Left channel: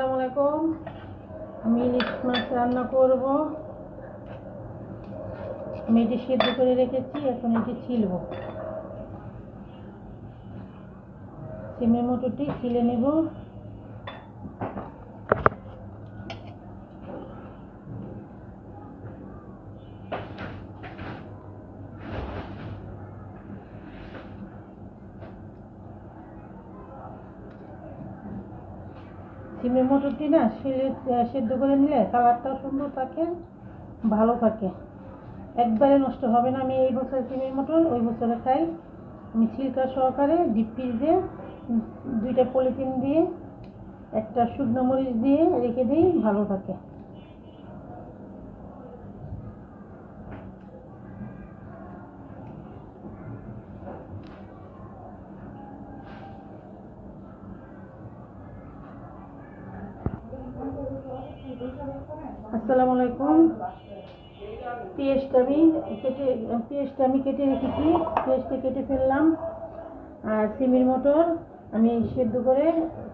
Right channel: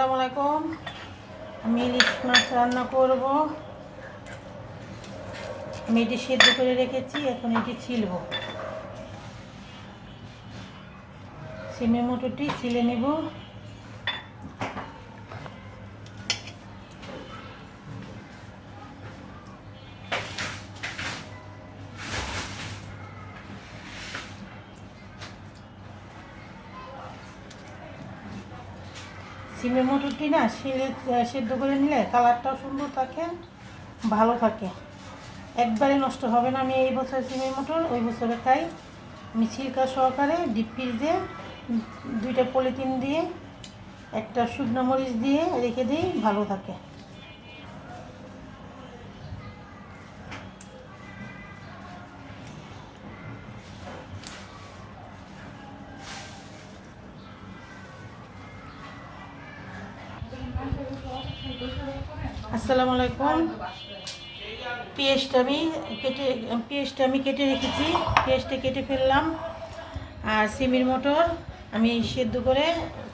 আসসালামু আলাইকুম। আমি ইলিশ মাছ রান্না করব। আমি এটি সিদ্ধ করে রেখেছি, এখন এটি ছিলব। সিমে মোটরটি ছিলে নেব। সিমের মটরটি না শিলে সেদ্ধ করে নিলে কালারটাও সুন্দর থাকে, ভালো থাকে। একবারে নষ্ট হবে না, আমি এই বছর সিমের মটর, ওই বছরে খাই আমি ছিলকা সহকারে, ডিপ ফ্রিজে, দুইটা পলিথিন দিয়ে, একটা শুকনো মরিচ দিয়ে রেখে দিই, ভালো থাকে। আসসালামু আলাইকুম। পেঁয়াজটা আমি কেটে, পেঁয়াজটা আমি কেটে রেখেছি। পেঁয়াজটা কেটে ফেললাম। আর সিমির মটর আমি সেদ্ধ করে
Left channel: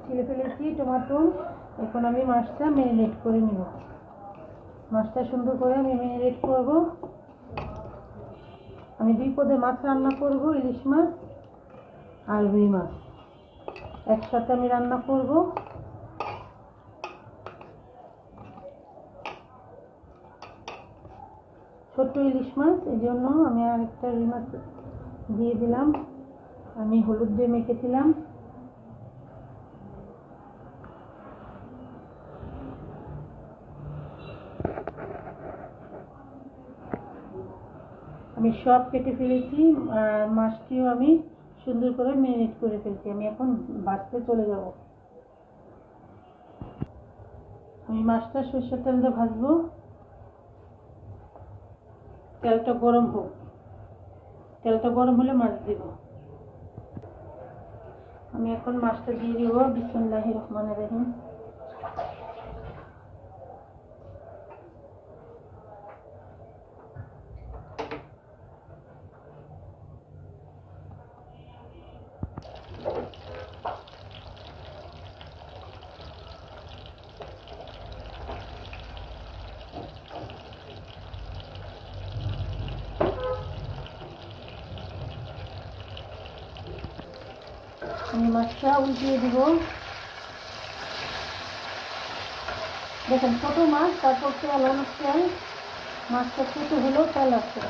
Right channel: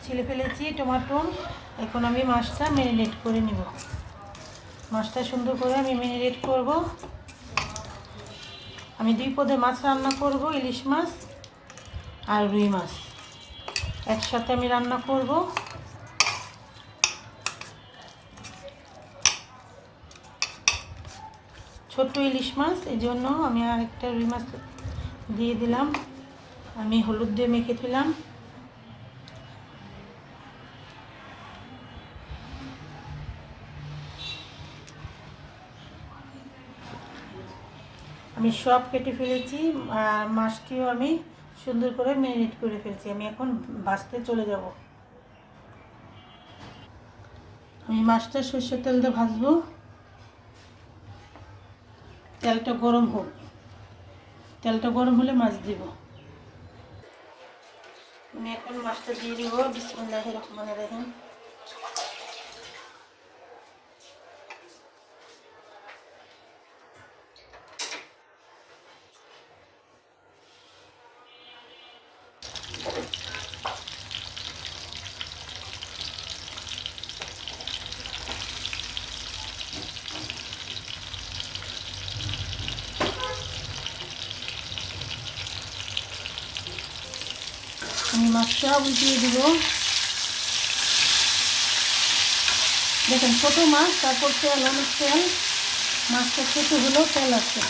ছিলে ফেলেছি টমাটো। এখন আমি মাছটা ম্যারিনেট করে নিব। মাছটা সুন্দর করে আমি ম্যারিনেট করব। আমি দুই পদে মাছ রান্না করব, ইলিশ মাছ আর রুই মাছ। একসাথে আমি রান্না করব। ছোট্ট ইলিশ মাছ, এই জন্য আমি আরেকটা রুই মাছ দিয়ে দিলাম। আমি হলুদ দিয়ে মেখে দিলাম। আমি সব কেটে ফেলেছি, আর মাছটিও আমি সুন্দর করে ম্যারিনেট করে ফেলছি। আমি এখন ভাজতে চলে যাব। আমি মাছটা সর্ষের তেল দিয়ে ভাজবো। তেলটা গরম হোক। তেলটা গরম হলে মাছ দিব। আমি এখন মাছটা দিয়ে দিব। বিসমুল্লাহ রহমান রহিম আমি মাছটা উল্টিয়ে দিব। দেখেন, ছোটো মাছ, তারপর তেল অনেক তেল মাছটা ছোটো হলেও তেল আছে।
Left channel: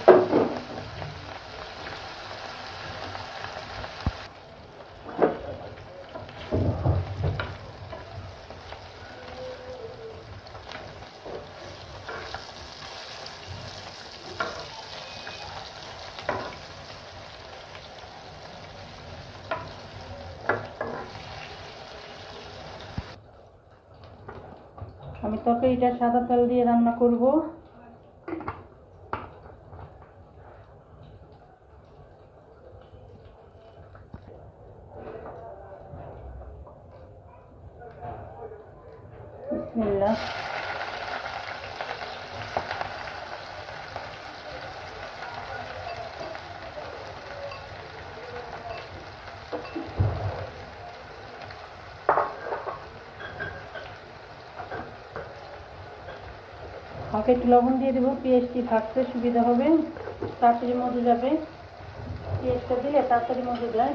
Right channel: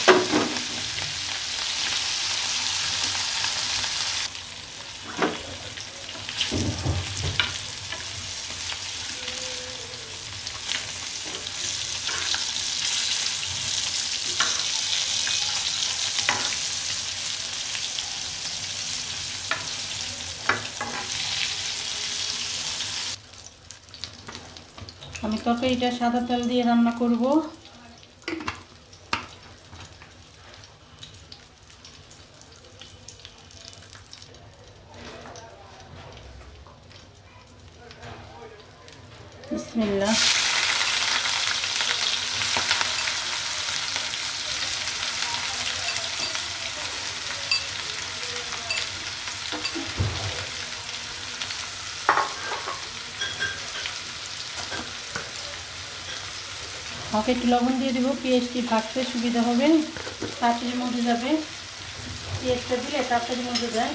আমি তরকারিটা সাদা তেল দিয়ে রান্না করব বিসমিল্লাহ হাফ একটু লবণ দিয়ে দেবো পেঁয়াজটি ভাজতে সুবিধা হবে। তাড়াতাড়ির মধ্যে যাবে। পেঁয়াজটা দিলে তাড়াতাড়ির মধ্যে যায়।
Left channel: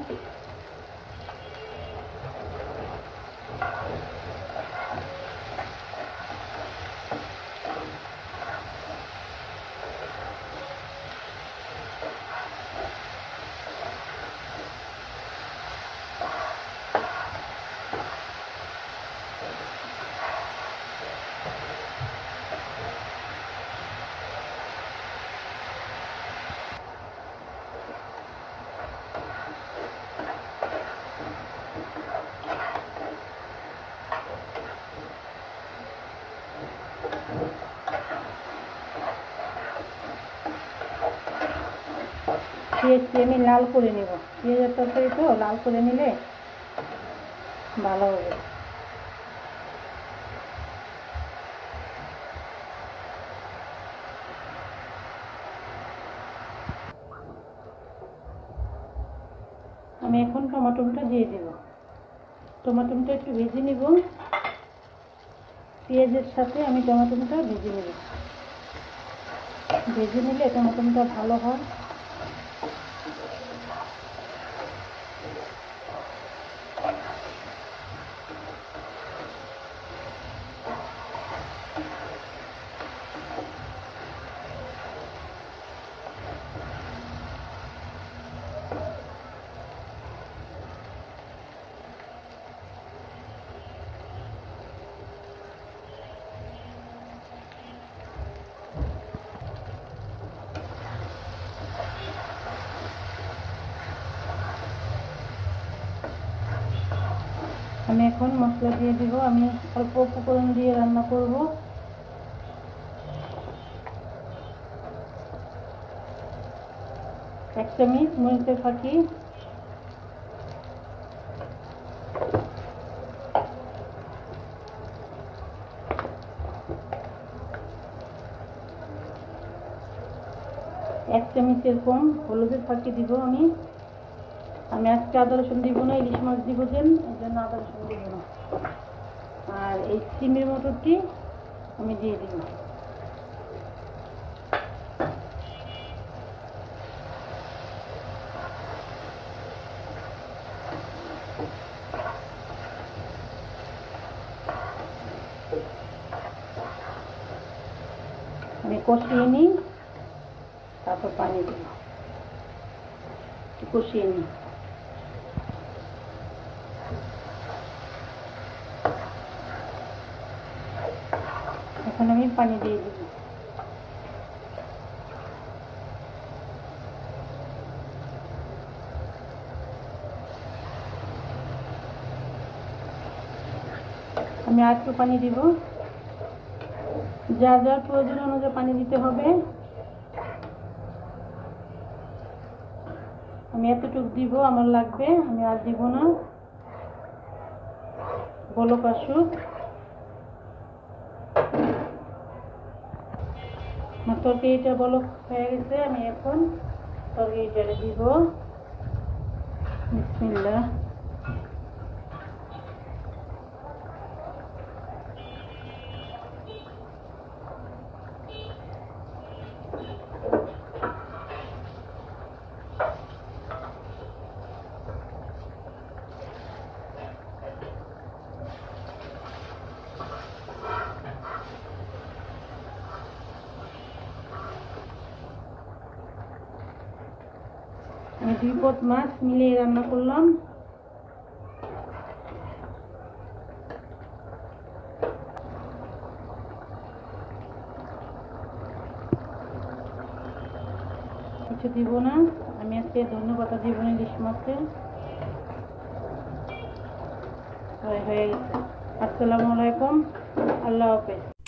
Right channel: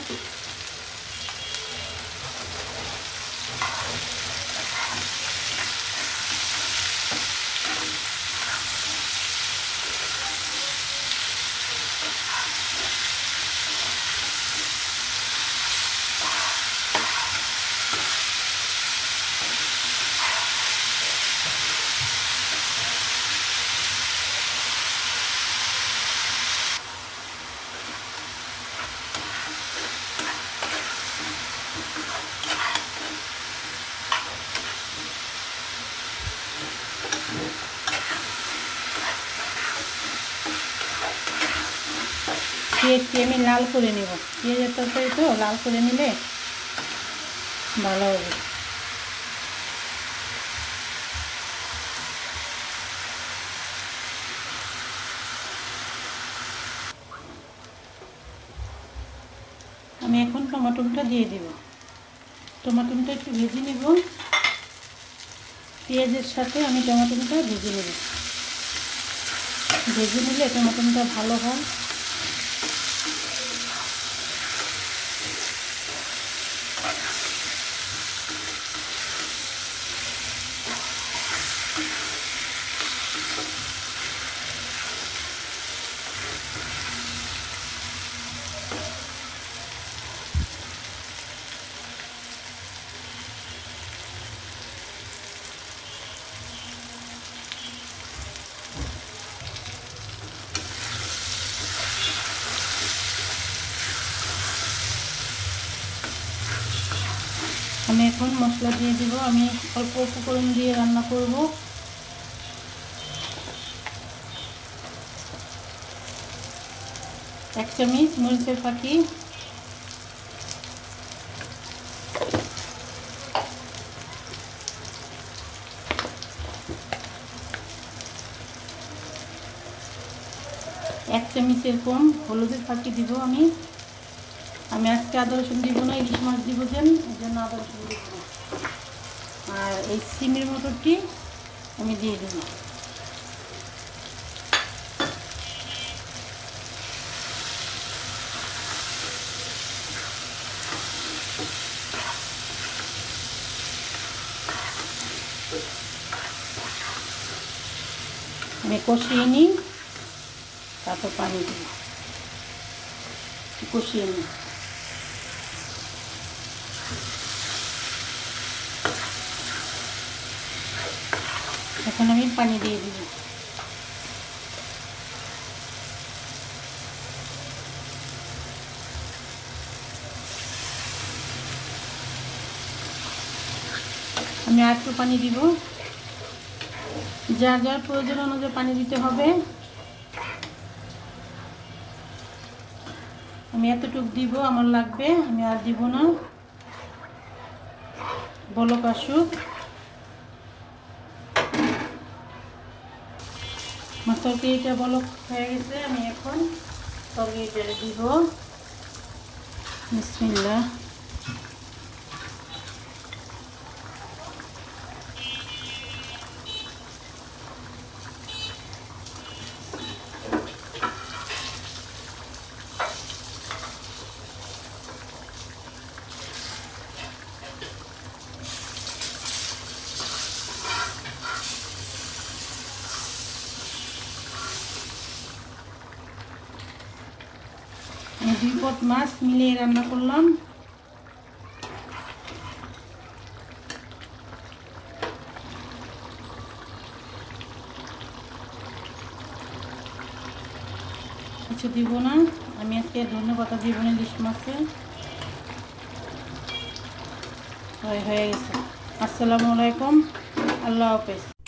পেঁয়াজটি আমি লাল করে নেব। পেঁয়াজের তরকারি তো, লাল করে নিলে ভালো হবে। আমি এখন টমাটোটা দিয়ে দেব। টমাটোটা একটু ভেজে নেব। পেঁয়াজের সাথে আমি টমেটোটা ভেজে নেব। ভেজে নিলে টমেটোটা ভালো হয়। আমি এখন মশলা দিয়ে দিব। আমি অল্প উপকরণ দিয়ে রান্না করব। এক চামচ মরিচের ফাঁকি। এক চামচ এরকম হলুদের ফাঁকি দিব আমি। আমি আজকে আদা রসুন দিব না, ইলিশ মাছ দিব দেন এই জন্য আদা রসুন দিব না। আর এই সিমের মটরটি আমি দিয়ে দিব। আমি কষিয়ে নিই, তারপর পানি দেবো। কষিয়ে নিই। এখন আমি পানি দিয়ে দিব। আমি আর একটু পানি দিব। যার যার প্রয়োজন অনুযায়ী পানি দিতে হবে। আমি এতটুকু দিব, আমার লাগবে, আমি আর দিব না। বলক আসুক। তরকারিটা বলো হয়ে গেছে আমি এখন তরকারিটা দিব। বিসমিল্লাহ। দুই পট মাছ মিলিয়ে রান্না করলাম। কিছু দিব না। আমি আজকে ধন্যবাদ দিব না ইলিশ মাছের। হয়ে গেছে। আসসালামু আলাইকুম। আল্লাহ হাফেজ।